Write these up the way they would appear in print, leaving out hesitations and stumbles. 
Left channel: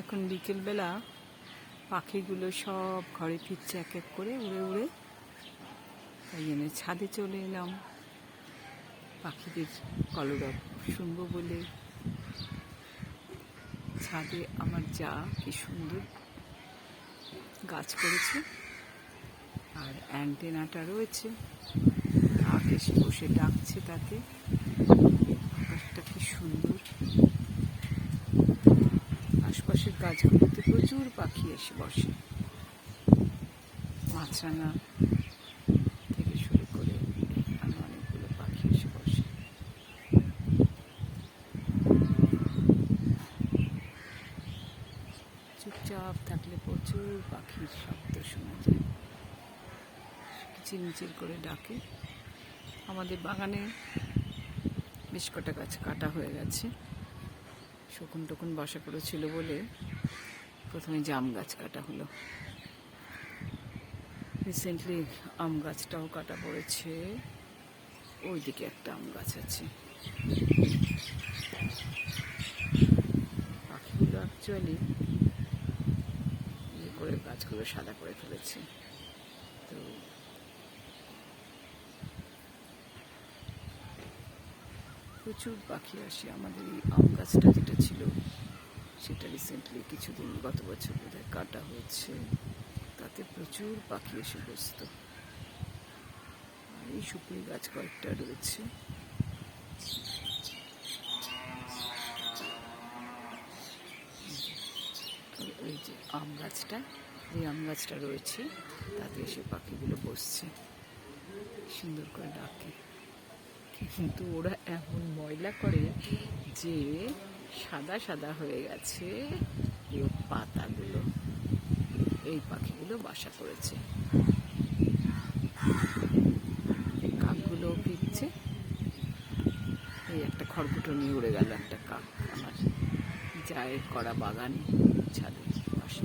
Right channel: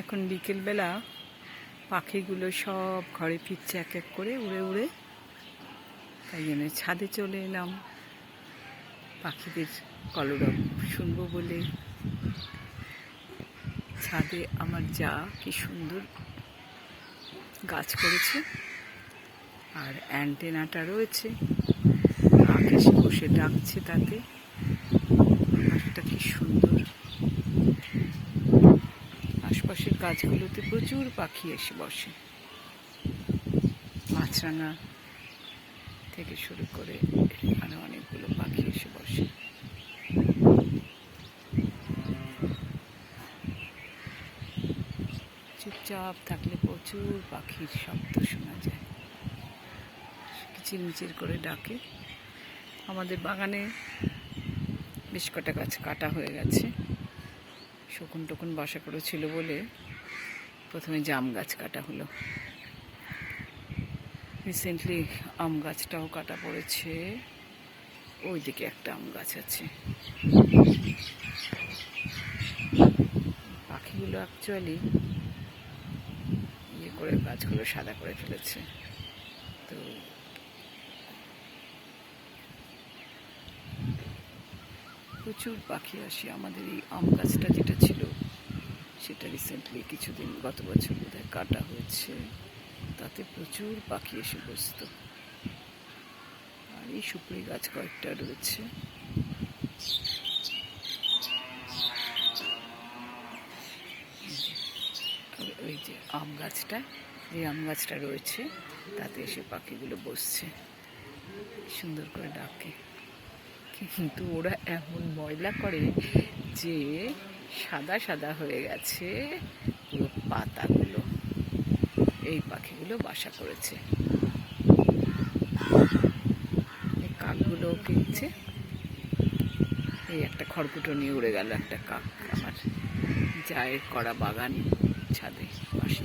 এখন বিকেলবেলা পাখিগুলো সব ঘরে ফিরছে এক এক করে উড়ে উড়ে, তাই জন্য ছাদে চলে এলাম পাখিদের কলরব শুনবো বলে। ছাদে আমার যা কি সুন্দর গাছ করেছে, আর অ্যান্টেনাটা রয়েছে, আকাশে বসে ডাকছে, তাতে আকাশটা কি সুন্দর। আশপাশের গাছগুলোতে প্রচুর পাখি এসে বসে, মাছরাঙা থেকে শুরু করে এখানে অনেকগুলো পাখি এসে বসে। চুপচাপ থাকলে প্রচুর পাখির শব্দ শোনা যায়, কিচিরমিচির করে ডাকে। আমাদের বাগানে বেশ কটা গাছ কাটা হয়ে গেছে, শকুন টকুন বাসা করেছিল বলে প্রথমে জাম গাছ কাটা হলো। রিসেন্টলি আম গাছটাও কাটা পড়েছে, ওইদিকে একটা আম গাছ আছে। পাখিগুলো অ্যাকচুয়ালি ইয়ে করে গাছগুলো সাদা করে ফেলেছে, তো প্রচুর পাখি আসে। আমাদের এই আম গাছটা যেটা ছিল সেটা রিসেন্টলি কিছুদিন, গত বছর বোধহয় কাটা হয়েছে, তাতে প্রচুর পাখি এসে বসতো। আর এই সুপুরি গাছ কয়েকটা রয়েছে। ওই যে আম গাছটা, এই আম গাছটা রয়েছে, তাতে এসে পাখিগুলো বসছে, সুন্দর করে ডাকে। কিন্তু ওরা এমন ময়লা করে যে সাদা সাদা হয়ে গেছে পুরো পাতাগুলো। এই পাখিগুলো বাসা করেছে। এই কাকগুলো ফিরছে। এই একটা খড়কুটো নিয়ে উড়ে গেল একটা কাক আমার জায়ের করা বাগান ছাদে পাশে।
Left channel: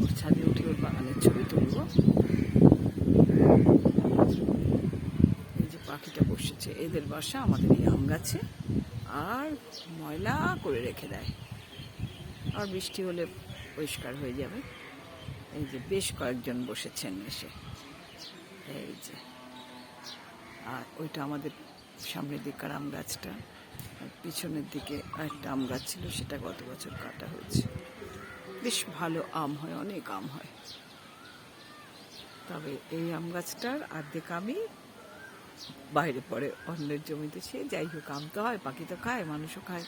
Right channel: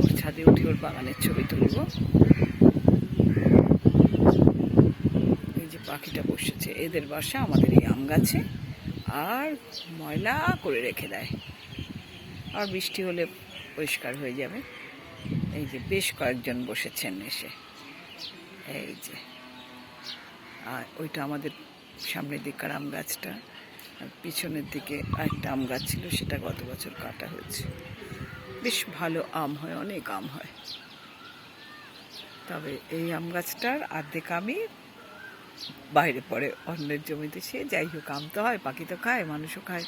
ওর ছাদে উঠে ওর বাগানের ছবি তুলব। এই যে পাখিটা বসেছে, এদের বাসা আমাদের এই আম গাছে, আর ময়লা করে রেখে দেয়। আর বৃষ্টি হলে পরিষ্কার হয়ে যাবে। এই যে বেশ কয়েকজন বসেছেন এসে, এই যে। আর ওইটা আমাদের সামনের দিককার আম গাছটা, আর পিছনের দিকে আরেকটা আম গাছ ছিল, সেটা গত বছর কাটা হয়েছে। বেশ ভালো আম হয়, অনেক আম হয়। তবে এই আম গাছটার অর্ধেক আমই বাইরে পড়ে অন্যের জমিতে। সে যাই হোক, আম তো হয়, পাখি তো খায়, মানুষও খায়।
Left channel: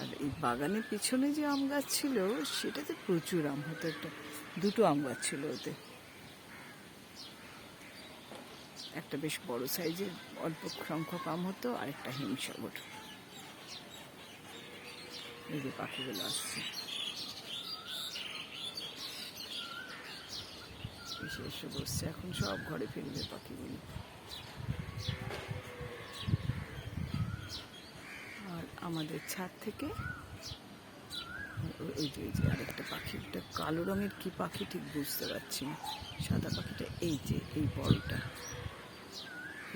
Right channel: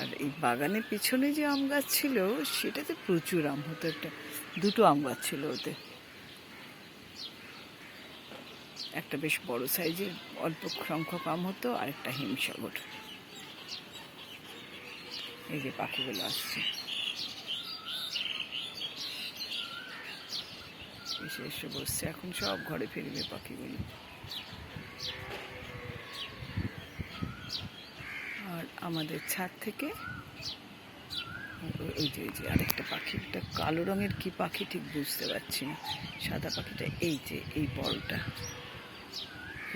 আর এই বাগানের পিছনে যে আম গাছ ছিল সেটাতে প্রচুর আম হতো। দুটো আম গাছ ছিল ওতে, একটা বেশ বড় সাইজের অল্প সংখ্যক আম হতো, আর একটা হিমসাগর। এই যে পাখিগুলো আসছে, এসে এসে বসছে। এখন সব ঘরে ফিরবে পাখিগুলো। আর আমাদের ছাদ থেকে ওই যে আরেকটা পাখি, একটা কালো রঙের কি পাখি ঠিক বুঝতে পারছি না, সাদা পাখিটা এই যে এই বড়টা,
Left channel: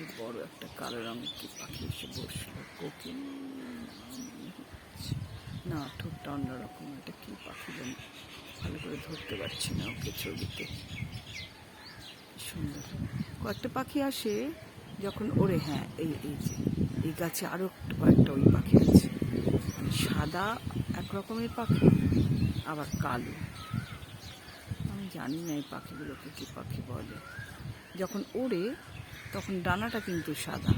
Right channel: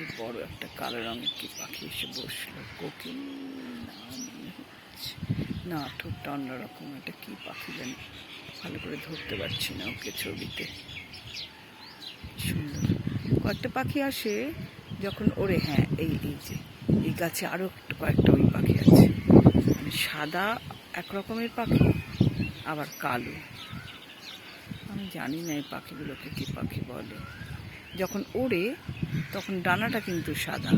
এই বড় একটা কালো রঙের কি পাখি এসে বসলো। কোকিল না, ঠোঁটটা অন্যরকম। এটা কি পাখি জানি, ভালো করে ধরতে পারছি না ওকে ছবিতে। সুন্দর কয়েকটা পাখি আসে যখন ওরে। হ্যাঁ, এই যে এই গাছে আরো কয়েকটা ওই পাখি আছে, মানে সাদা এক রকমের পাখি, আবার কালো। আমি জানি না এই পাখিগুলোকে কি পাখি বলে। যখন ওড়ে তখন ডানাটা কিন্তু সাদা।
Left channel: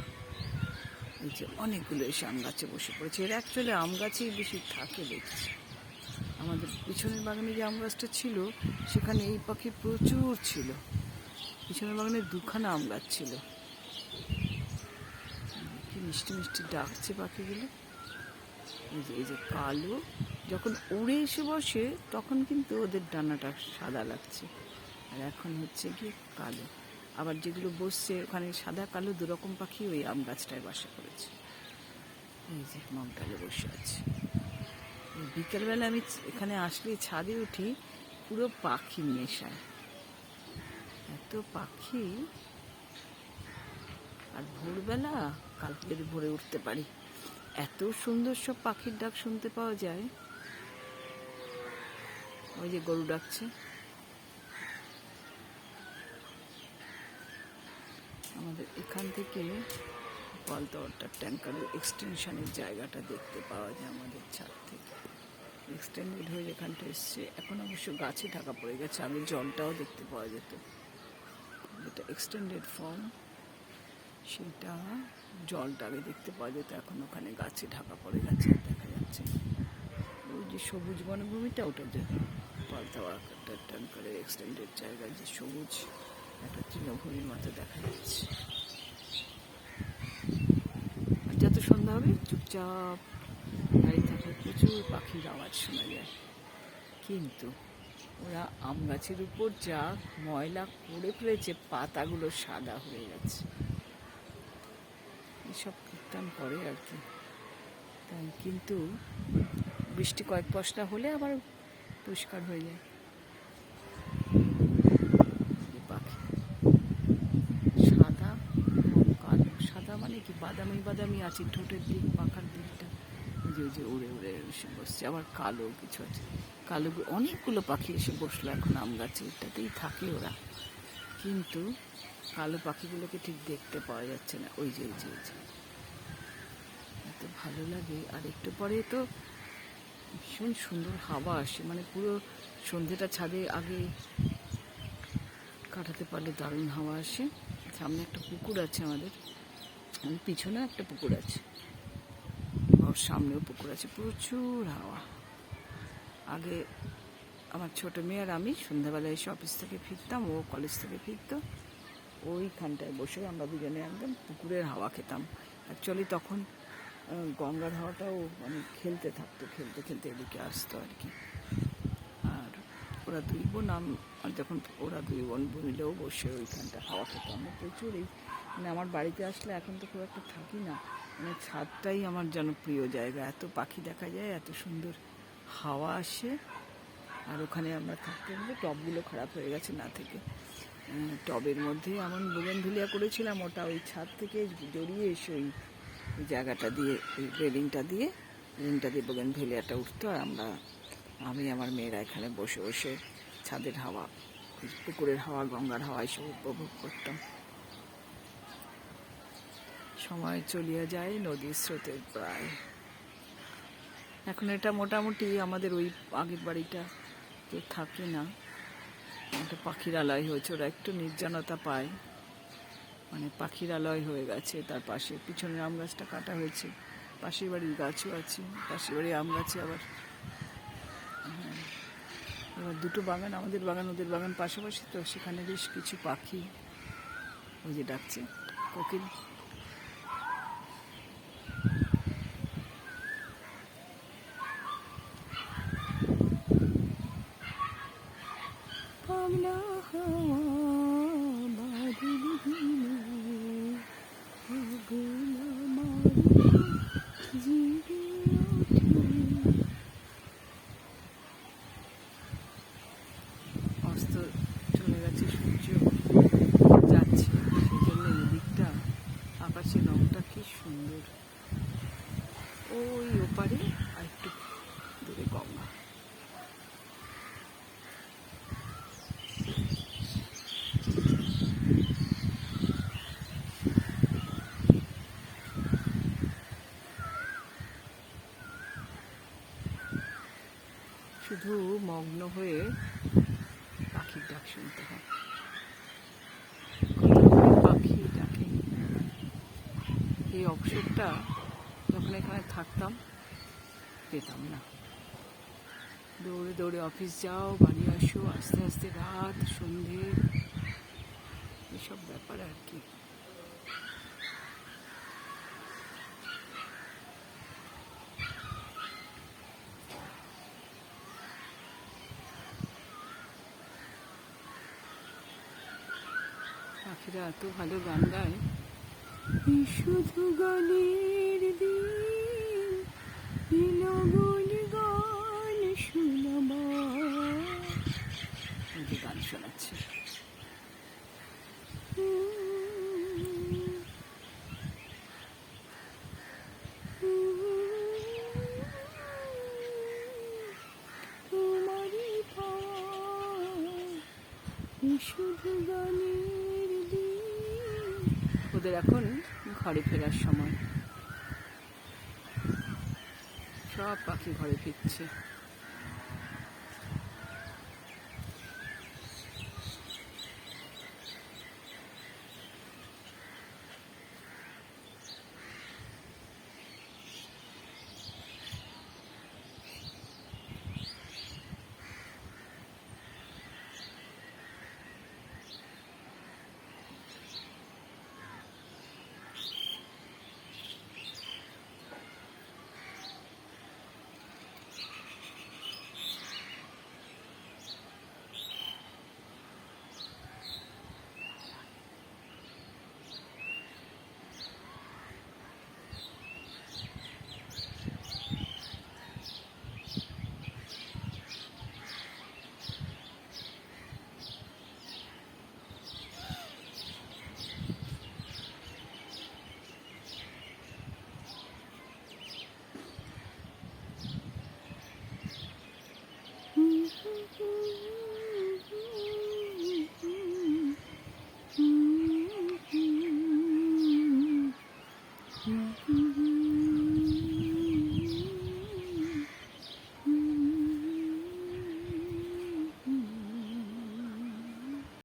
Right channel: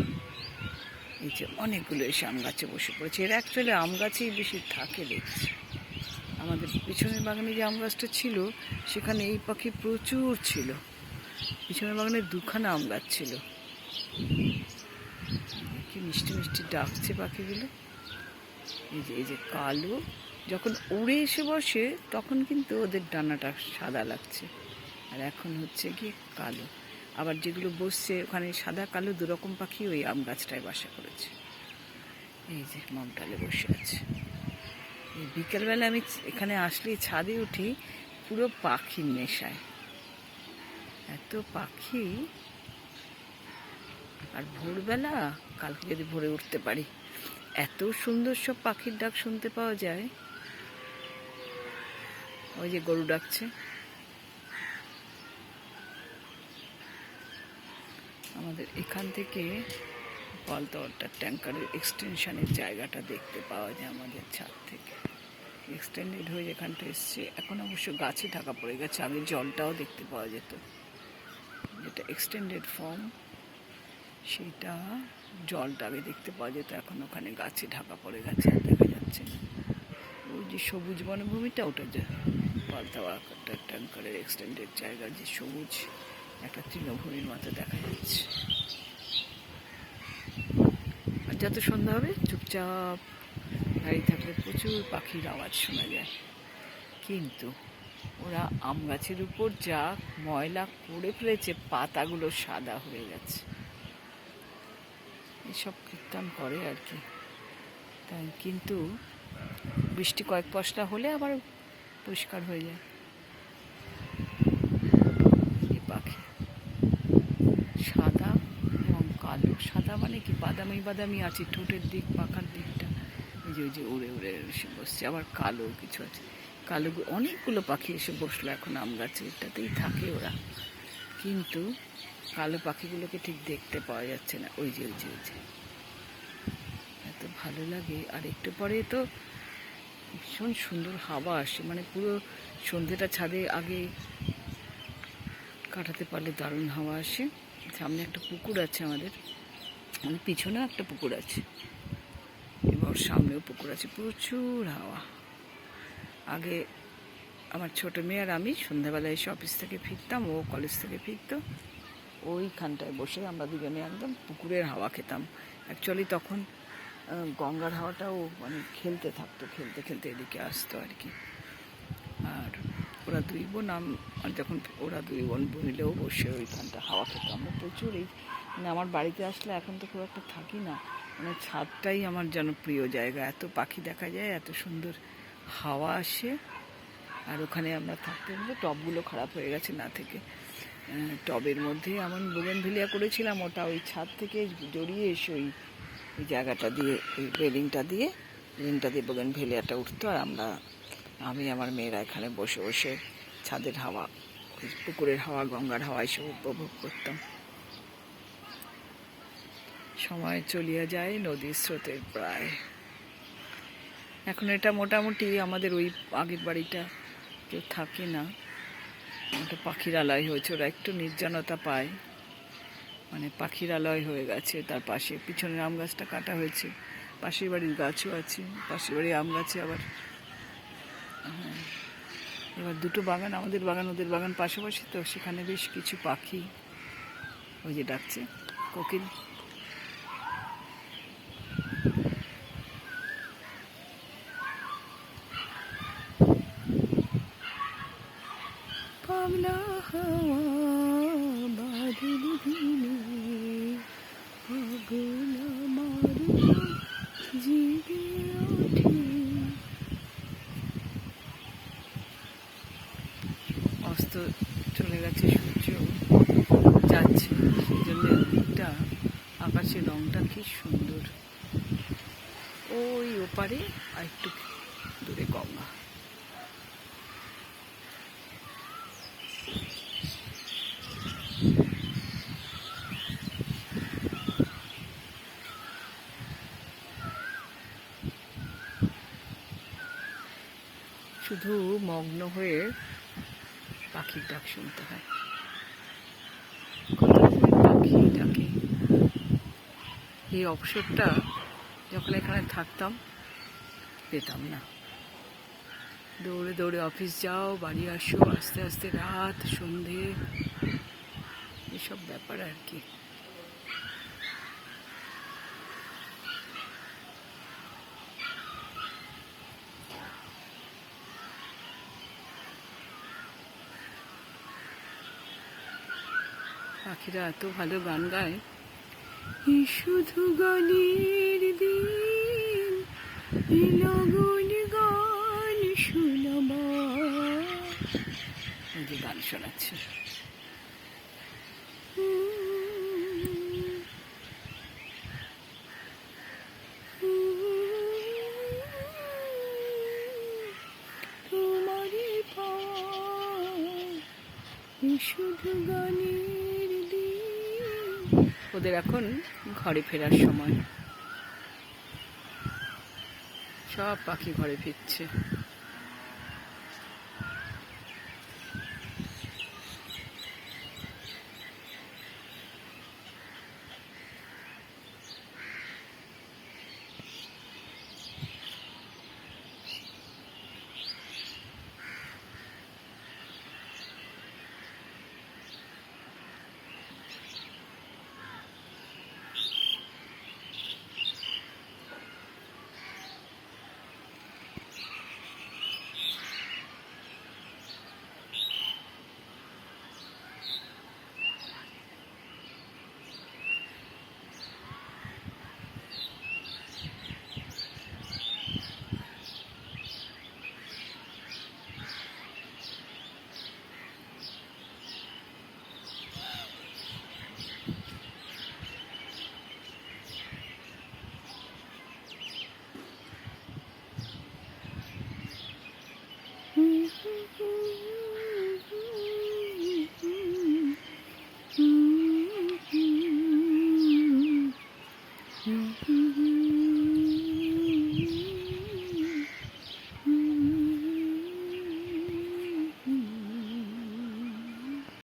এই যে অনেকগুলো এসে আম গাছে বসে পড়েছে। এরা অ্যাকচুয়ালি আম গাছেই বেশি থাকে দেখছি। আমাদের পিছনের বাগানে যে আম গাছটা ছিল সেখানে এই পাখি প্রচুর ছিল। পিছনের বাগানে দুখানা আম গাছ ছিল। কি মিষ্টি মিষ্টি ডাকছে পাখিগুলো। এই যে কালো, যখন উড়ে এসে বসে তখন কিন্তু ওদের ডানাটা সাদা লাগছে, আর এখন হচ্ছে গিয়ে কালো। আবার যেগুলো বসছে ওখানে সাদা কালো দুরকম পাখি ওই আম গাছটায় বাসা করেছে। এই যে মমটালে বসে আছে। এই বিকেলবেলা আমি এখানে আসলে ছাদে উঠি পুরো পাখির নেশায়, এত পাখি। আর ভোরবেলা, কালকে যদি ভোরে উঠতে পারি, এত সুন্দর সব পাখির ডাক শুনতে পাওয়া যায়। ওই যে গরু ডাকছে। আমাদের এখান থেকে পালতোয়াটার ট্যাঙ্কারের এক্সটেনশনের জায়গাটা দেখতে পাওয়া যায় আমাদের ছাদ থেকে। এক্সটেন্ডেড হয়ে যেখানটা এসছে, এখন অবশ্য গাছে ঢাকা পড়ে গেছে। আগে জলটাও দেখতে পাওয়া যেত, যেটা এক্সটেন্ডেড ফর্ম সেটা জলটা আগে দেখতে পাওয়া যেত, এখন ওখানে গাছে ঢাকা পড়ে গেছে, আর দেখা যাচ্ছে না। ওই যে সবুজ বনভূমিটা, ওটা যে পালতোয়াটার ট্যাঙ্কারের এক্সটেন্ডেড জায়গা, যে সবুজ একটা তৃণভূমির মতো দেখা যাচ্ছে। আর যত সন্ধ্যা হবে চুপচাপ দাঁড়িয়ে থাকলে প্রচুর পাখির আওয়াজ শোনা যায়। কিন্তু ওরা আম গাছের উপর যা ময়লা করে ফেলেছে, পাতাগুলো সাদা হয়ে গেছে। এসব কীর্তন করে আর কি। তাই কিন্তু বৃষ্টি কয়েক পশলা হলে আবার পরিষ্কার হয়ে যায়। এই পাখি সাদা এবং কালো। সাদা মানে কি বাদামি বাদামি আছে ঠোঁটের দিক, পাখার দিকটা, ওই যে উড়ে উড়ে এসে বসছে। আবার কালো কিছু আছে, কালো অনেকগুলো পাখি এসে বসলো এখন আম গাছে, এটাতেই থাকে ওরা। কিন্তু কালো পাখিগুলোকে ঠিক দেখতে পাওয়া যাচ্ছে না। ওই যে এত ভালো লাগে। আর একটু পরে তো ভীষণ সুন্দর হাওয়া আসে, মানে পুরো সন্ধ্যেটা ছাদে আগে কাটাতে পারলে দারুণ হাওয়া আসে। সামনে একটা পুকুর আছে আমাদের, মানে পিছনেও একটা পুকুর আছে, এবার সামনেও পুকুর আছে, প্রচুর হাওয়া। আগে আমার ছোট মেয়ে আর আমি সন্ধ্যাবেলায় এসে অফিস থেকে ফিরতাম, ও কলেজ থেকে ফিরতো, ওইখানটায় বসে আমরা দুজনে একদম পুকুরের হাওয়া খেতাম। অ্যাকচুয়ালি তখন গঙ্গার হাওয়াটাও মানে খেলতে থাকতো, খেলতে খেলতে এদিকে আসতো আর কি। আর ওরা দুই বোন, যখন ওরা দুই বোন মিলেও বসে ওইখানটা হাওয়া খেতাম আমরা প্রচুর। এই মানে আমার বাড়িতে আসলে এখন তো খুব একটা থাকি না, মানে ছাদটাই আমার যেন প্রিয় জায়গা। এত পাখি দেখা যায়, এত সুন্দর হাওয়া আসে। আর ওখানে আমরা থাকতে গেলে টবগুলো খারাপ হয়ে গেছে না থেকে, টবের মধ্যে এমন বোগেনভেলিয়া করেছিলাম, ওটা ওই ছাদ থেকে জড়িয়ে এসে ওই জায়গাটা দিয়ে, ওই রেলিংটা দিয়ে বোগেনভেলিয়াটা উঠতো। আর আমি আমার মেয়েরা এখানে বসে বসে ছাদের হাওয়া, পুকুরের হাওয়া, গঙ্গার হাওয়া এসব উপভোগ করতাম। সময় চলিয়া যায় নদীর স্রোতের প্রায়। এখন এটা মোটামুটি আমাদের ওই আগের বাড়িটা কেউ থাকে না, একটা পাখির আলয় হয়েছে, ওরা একটু নির্জনতা পায়, মানে পাখির আলয় হয়ে গেছে। তার পাশে পিছনের আম গাছটা কাটা হয়েছে, পাশের বাড়ির গাছও আছে, পাশের বাড়ির আম গাছে আবার। হ্যাঁ, এবার দুটো বাগান, আমাদের বাগান ওদের বাগান পাশাপাশি, তো সেখানে বেশ কিছু পাখি ওই যে ডাকছে, কোকিল। পাগলা হাওয়া বাদল দিলে পাগলা মারে জিবে ওঠে। অস্ত চলে গেছে, সূর্য যাচ্ছে, সেই জন্য দিকটা আকাশের রংটা কি সুন্দর। ওই ওপারে আর একটু দূরে গঙ্গা। শুধু মগ্ন হয়ে পাখির ডাক শুনতে হয়, পাখি ডাকে। এই অবসরটা যখন এখানে থাকতাম পেতাম না। দৌড়ে দৌড়ে অফিস যাও, বাড়ি আসো, আস্তে আস্তে রাত, সন্ধে, এসব ব্যাপার আর কি। পাখিরা এত ভালো গান গায়। শুধু গানের দিন, লগন গান শোনাবার, গান শোনাচ্ছে। শুধু গানের দিন। ওদের এখন ঘরে ফেরার সময়, সব পাখি ঘরে ফিরছে।